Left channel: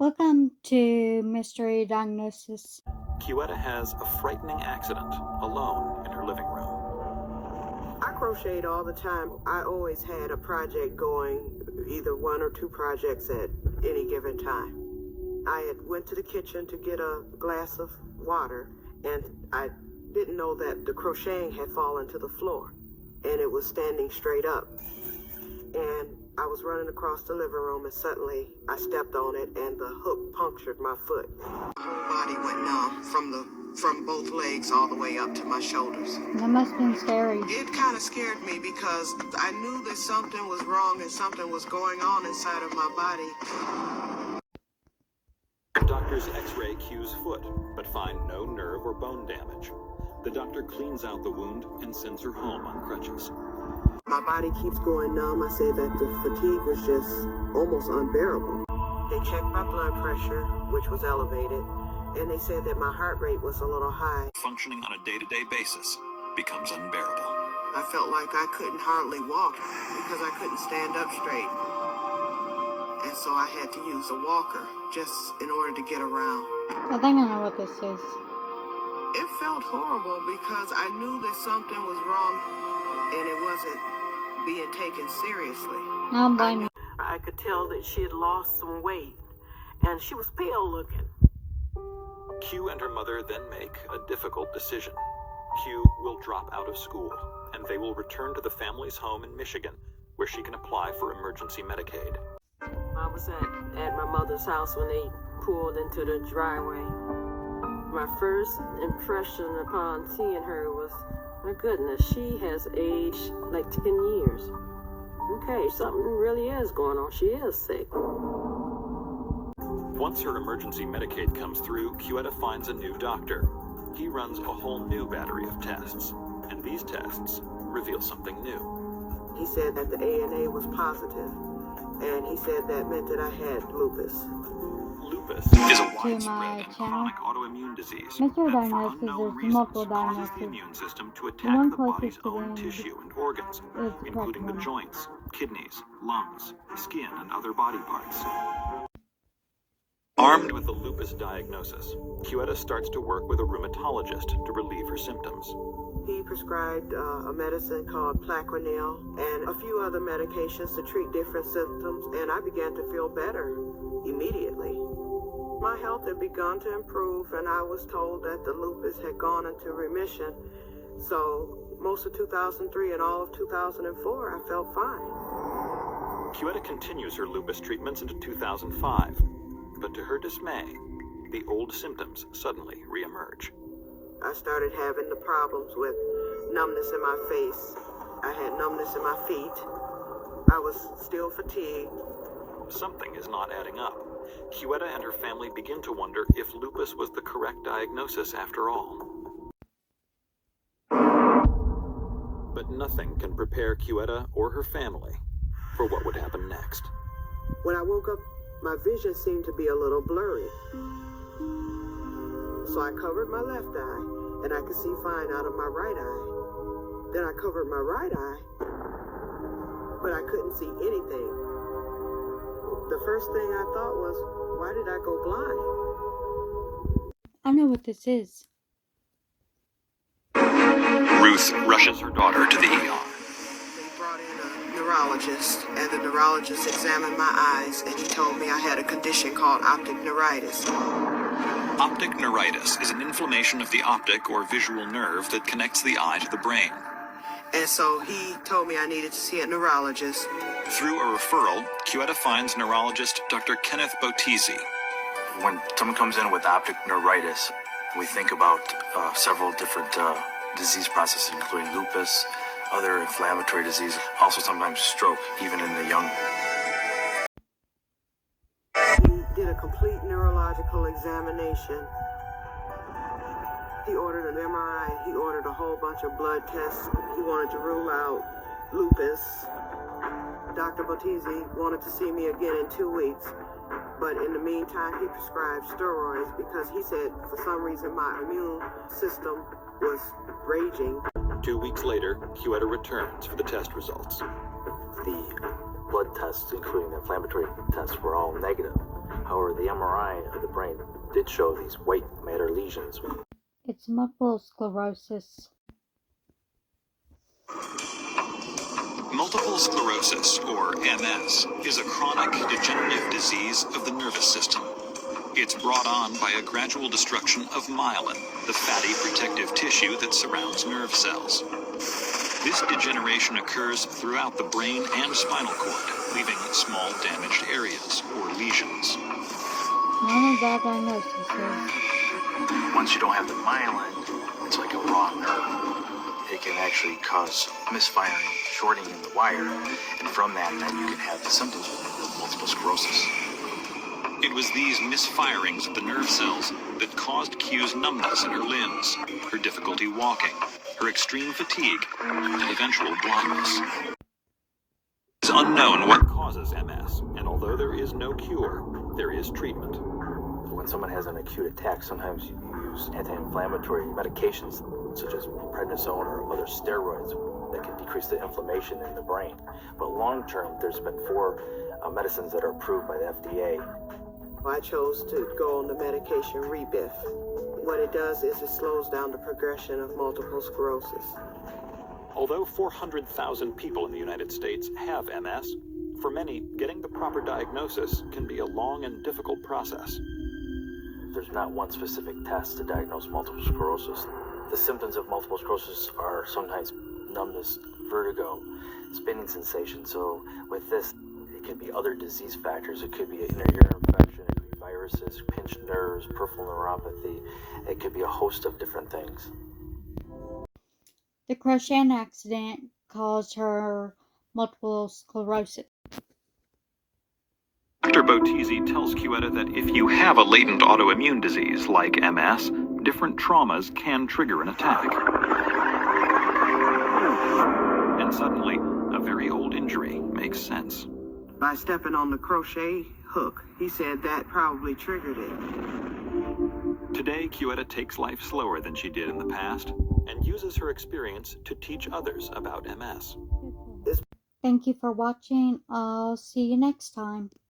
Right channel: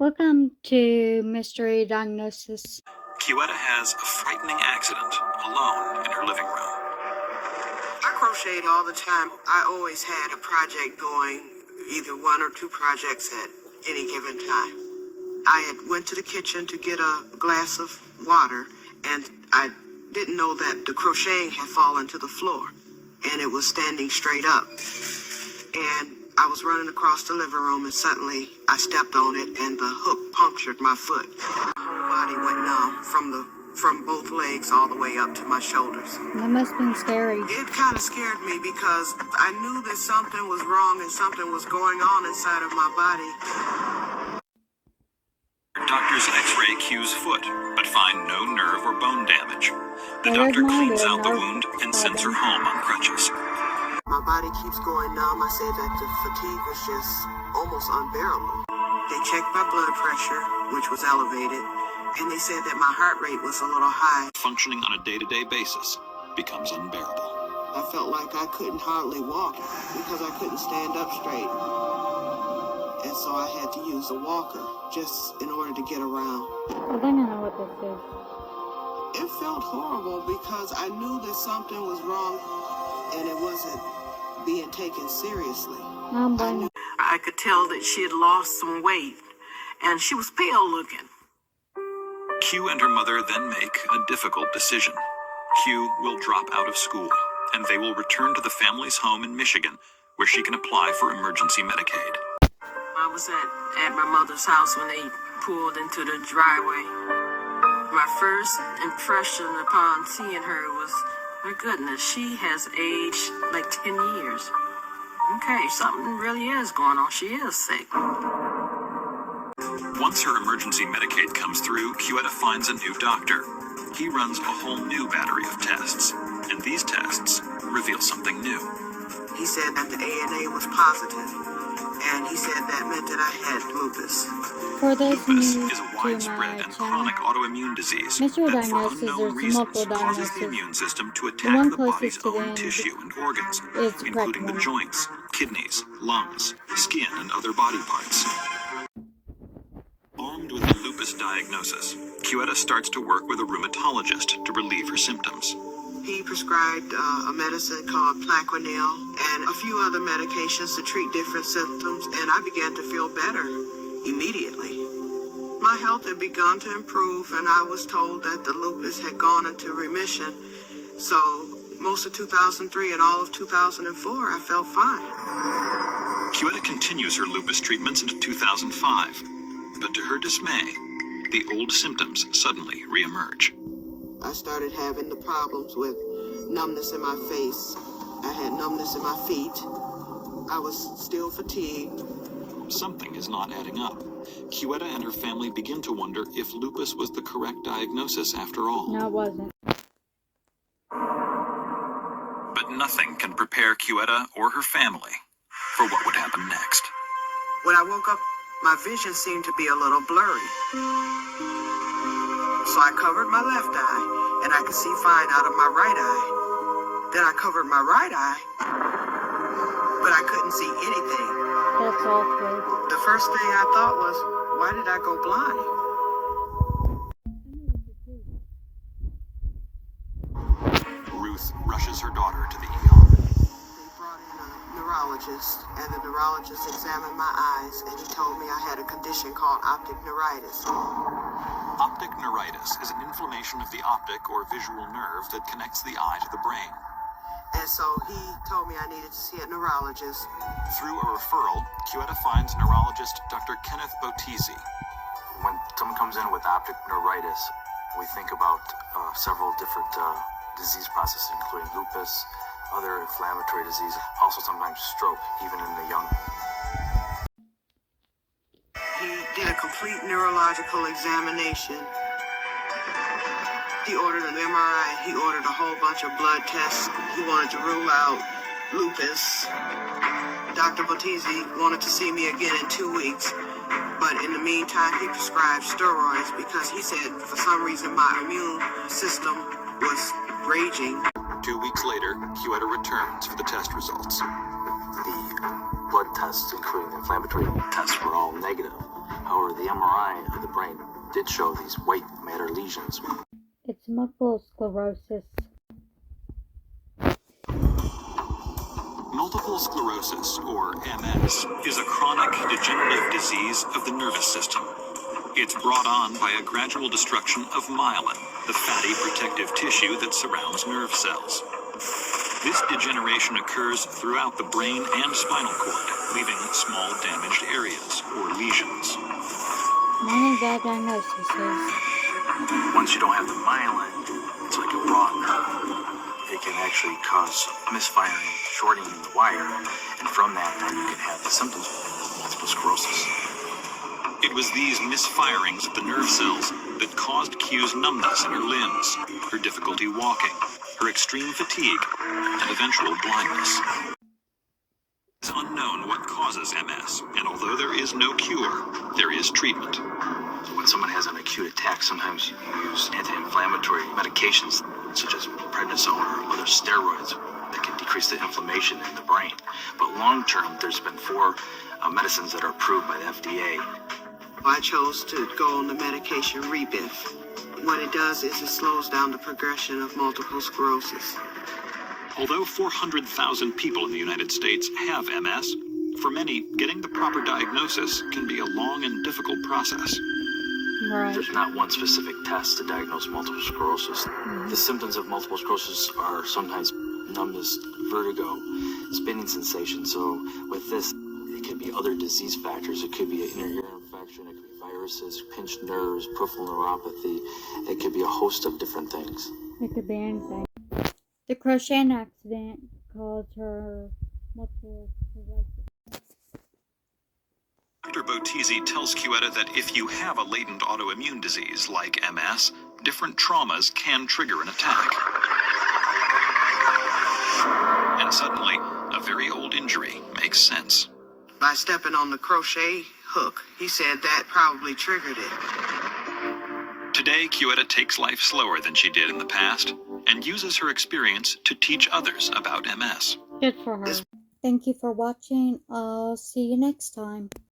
Welcome to Mystery Diagnosis. Kiwetta has a frightening accident alone in her living room. I crocheted all the time. I always had a project going, either one or two projects at any given time. I had went to the kitchen to get a glass of water, and I didn't know that the crocheting had fallen to the floor, and it was standing straight up. And I was running across the living room, and suddenly I stepped on it, and the hook punctured my foot. My whole body went numb from both legs all the way up to my shoulders. That must have been scary. It kind of scared me because I knew that something was wrong and something was going on inside of my body. Doctors x-ray Q's foot, but find no nerve or bone damage. The doctor cleans out the wound and sends her home on crutches. My body keeps going numb. I said that the fatigue was just almost unbearable. They checked my blood pressure, which was elevated, and they said that my heart rate was a little high. Functioning on a day-to-day basis becomes unbearable. I felt like I couldn't hardly walk because I couldn't stand up straight. And so I had to use a walker just in order to get around. I think I know what this is. It felt horrible because I knew that something was wrong and it wasn't being taken seriously. I don't blame you. I could tell that she had lost some weight and she was pale looking. Q and her mother then make a difficult decision. Q will drop out of school, and they will return to the family's home in Michigan, where she can apply for emergency Medicaid. I was at my mother's house when they pulled into the driveway. My first impression upon seeing her was, my goodness, she has aged like 10 years. Okay, something really is going on. She is sick. Once her emergency Medicaid comes through, Kiwetta finds a new doctor. He runs a whole new battery of tests, and these tests reveal something new. He said that the ANA was positive, and he said that meant that I had lupus. For those who Lupus new is a to widespread my and channel, chronic autoimmune disease Mystery that, for Diagnosis, unknown there's reasons, multiple causes the diagnoses. immune system to The attack one the closest body's to the own end tissue and organs, is the correct including the one. joints, kidneys, lungs, skin, and other body parts. Armed with the lupus diagnosis, Kiwetta starts to work with a rheumatologist to relieve her symptoms. He prescribed a medicine called Plaquenil and a few other medications to treat different symptoms, and I began to feel better immediately. My health had begun to improve, and I was told that the lupus had gone into remission. So most of 2003 and all of 2004, I felt fine. Kiwetta continues her lupus treatments into 2005, but to her dismay, the old symptoms suddenly reemerge. I started having the problems with numbness in my face. I had numbness in my feet. I was still fatigued. Something is not adding up. Kiwetta and her family begin to wonder if lupus was the correct diagnosis after all. No, it wasn't. But nothing can prepare Kiwetta or her family for what would happen next. When I woke up, my vision seemed to be a little blurry. So I covered my left eye, and I could see fine out of my right eye. Then I covered my right eye, but I couldn't see anything. That's awful. The first thing I thought was, why did I go blind? I know what this is. Ruth rushes her daughter to the ER. They brought in a neurologist, and the neurologist examined my eyes, and he told me I had a condition called optic neuritis. Optic neuritis is an inflammation of the optic or visual nerve that connects the eye to the brain. And so he told me I needed to see a neurologist. Through a referral, Kiwetta finds neurologist Dr. Kenneth Bottizi. When someone comes in with optic neuritis, we think about several different disease processes, including lupus, other inflammatory disease, also sometimes stroke, even in the young. He did a complete neurological examination. He ordered an MRI. He ordered a whole bunch of blood tests. He wanted to rule out lupus. Dr. Bottizi wanted to see me again in 2 weeks. But in the meantime, he prescribed steroids because he said for some reason my immune system was raging. 2 weeks later, Kiwetta returns for the test results. The blood tests, including the inflammatory tests, were all negative. However, the MRI of the brain did show these white matter lesions. It's multiple sclerosis. Multiple sclerosis, or MS, is a chronic degenerative disease of the nervous system. It's brought on by a gradual destruction of myelin, the fatty protective tissue that surrounds nerve cells. This degeneration occurs throughout the brain and spinal cord, leaving small damaged areas, or lesions. One of the diagnoses. Once you don't have the myelin, it's like a raw nerve. It can actually cause misfiring, shorting in the wire, and from that, then you can have the symptoms of multiple sclerosis. It was these misfirings of the nerve cells that caused Q's numbness in her limbs, her difficulty walking, her extreme fatigue, and eventual blindness. It's unknown what causes MS, and although there is no cure, there is treatment. When someone has an acute attack, sometimes you use anti-inflammatory medications such as prednisone or other steroids that can decrease the inflammation in the brain. But long term, there's been 4 medicines that are approved by the FDA. I chose to go on the medication Rebif. What it does is it slows down the progression of multiple sclerosis. Although 400,000 people in the United States have MS, for many, getting the proper diagnosis can be a long and difficult process. Right. There's not one specific test to diagnose multiple sclerosis. The symptoms of multiple sclerosis are sometimes numbness, vertigo, spinning sensation. So with this, it could be other disease factors. It could be an ear infection, it could be viruses, pinched nerves, peripheral neuropathy. It could be a host of different things. It could be anything. The crocheting accident caused her multiple sclerosis. Dr. Bottizi tells Chiuetta that if you have a latent autoimmune disease like MS, different traumas can trigger an attack. And suddenly, a very old injury makes sense. By stepping on the crochet hook, he said that probably triggered it. Today, Chiuetta takes life slower than she did in the past and uses her experience to teach others about MS. Good for her. Thank you for watching. I'll see you next time.